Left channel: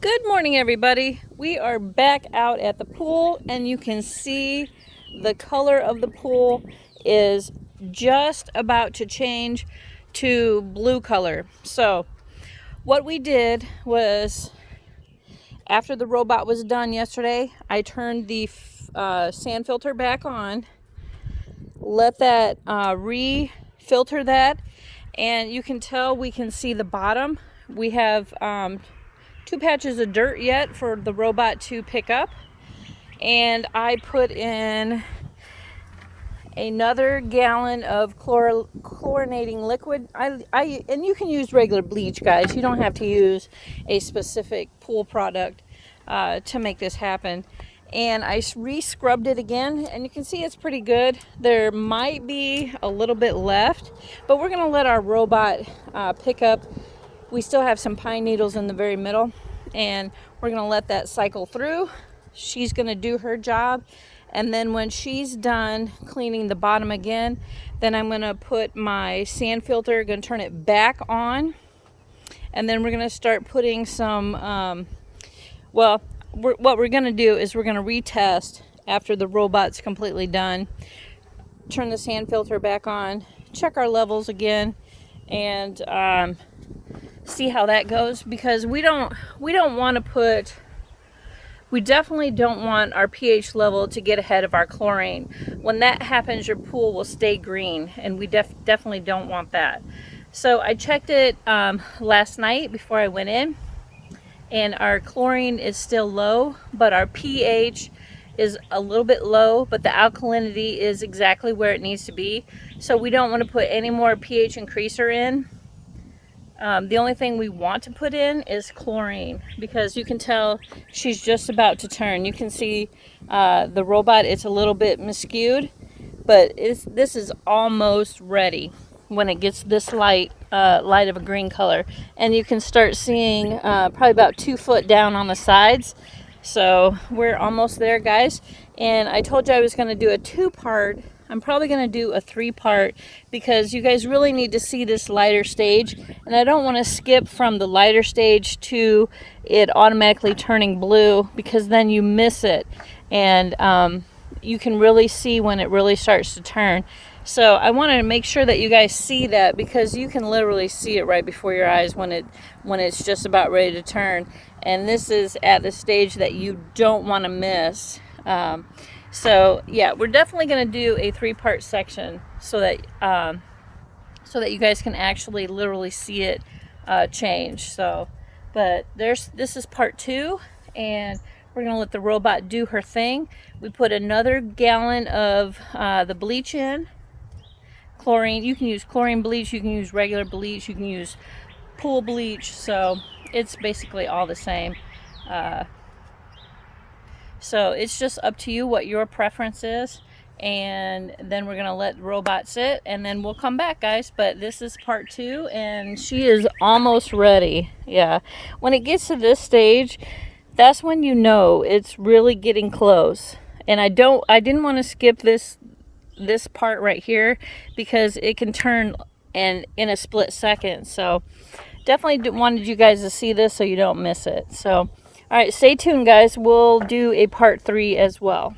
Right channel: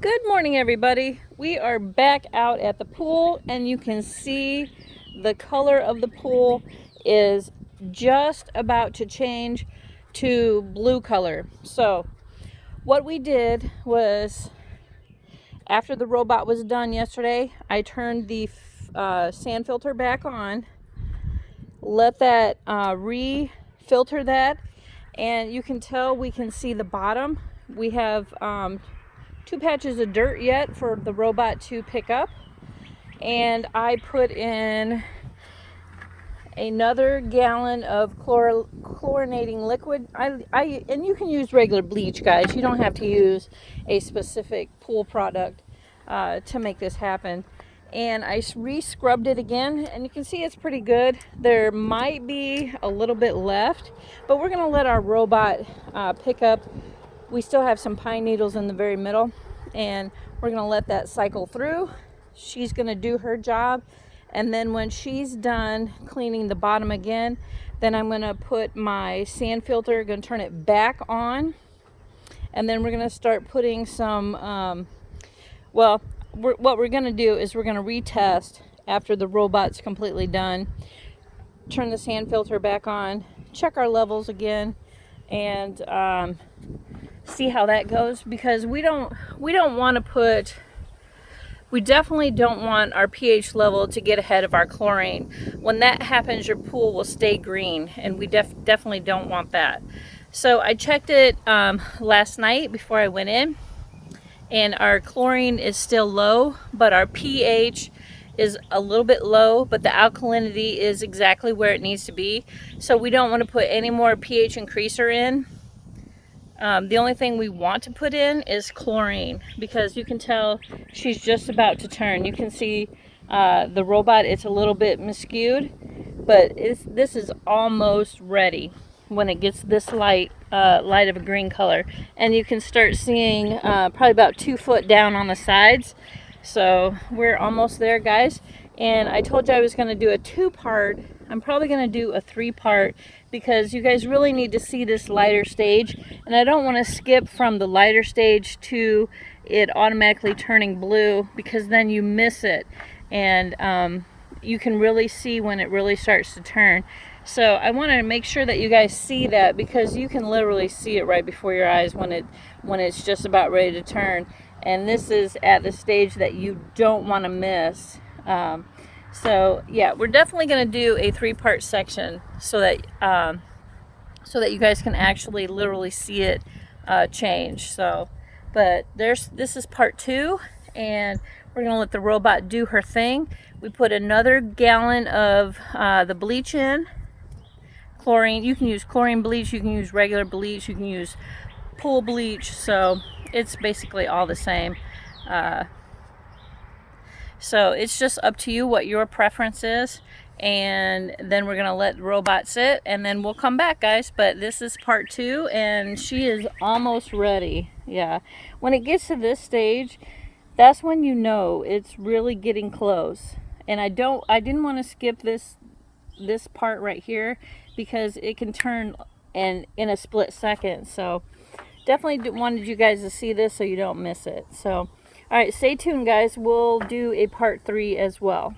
Good morning, everybody. We are back out at the pool, and you can see the color of the pool is just about to change to blue color. So what we did was, after the robot was done yesterday, I turned the sand filter back on, let that re-filter that, and you can tell we can see the bottom. We have two patches of dirt yet for the robot to pick up, and I put in another gallon of chlorinating liquid. And you can use regular bleach, guys. You don't have to use a specific pool product to make this happen. And I re-scrubbed it again, and you can see it's pretty good. There might be a little bit left, but we're gonna let our robot pick up. We still have some pine needles in the very middle, and we're gonna let that cycle through. She's gonna do her job, and then when she's done cleaning the bottom again, then I'm gonna put my sand filter, gonna turn it back on, and then we're gonna start putting some what we're gonna do is we're gonna retest after the robot's completely done, turn the sand filter back on, check our levels again, and see how that goes, because we definitely don't want our pH level to get ahead of our chlorine. When that happens, your pool will stay green, and we definitely don't want that. So I checked it last night before I went in, and our chlorine is still low, but our pH is a little bit low, but the alkalinity is exactly where it needs to be. So we don't want to put any more pH increaser in. The only thing we want to put in is chlorine, because you can tell she's just about to turn. You can see the robot, it's a little bit miscued, but this is almost ready when it gets this light of a green color. And you can start seeing probably about 2 foot down on the sides. So we're almost there, guys. And I told you I was going to do a 2-part. I'm probably going to do a 3-part, because you guys really need to see this lighter stage, and I don't want to skip from the lighter stage to it automatically turning blue, because then you miss it, and you can really see when it really starts to turn. So I want to make sure that you guys see that, because you can literally see it right before your eyes when it's just about ready to turn, and this is at the stage that you don't want to miss. So yeah, we're definitely going to do a 3-part section so that you guys can actually literally see it change. So, but this is part 2, and we're going to let the robot do her thing. We put another gallon of the bleach in. Chlorine. You can use chlorine bleach, you can use regular bleach, you can use pool bleach. So it's basically all the same. So it's just up to you what your preference is, and then we're gonna let the robot sit, and then we'll come back, guys. But this is part 2, and she is almost ready. Yeah, when it gets to this stage, that's when you know it's really getting close. And I didn't want to skip this part right here, because it can turn in a split second. So definitely wanted you guys to see this so you don't miss it. So all right, stay tuned, guys. We'll do a part 3 as well.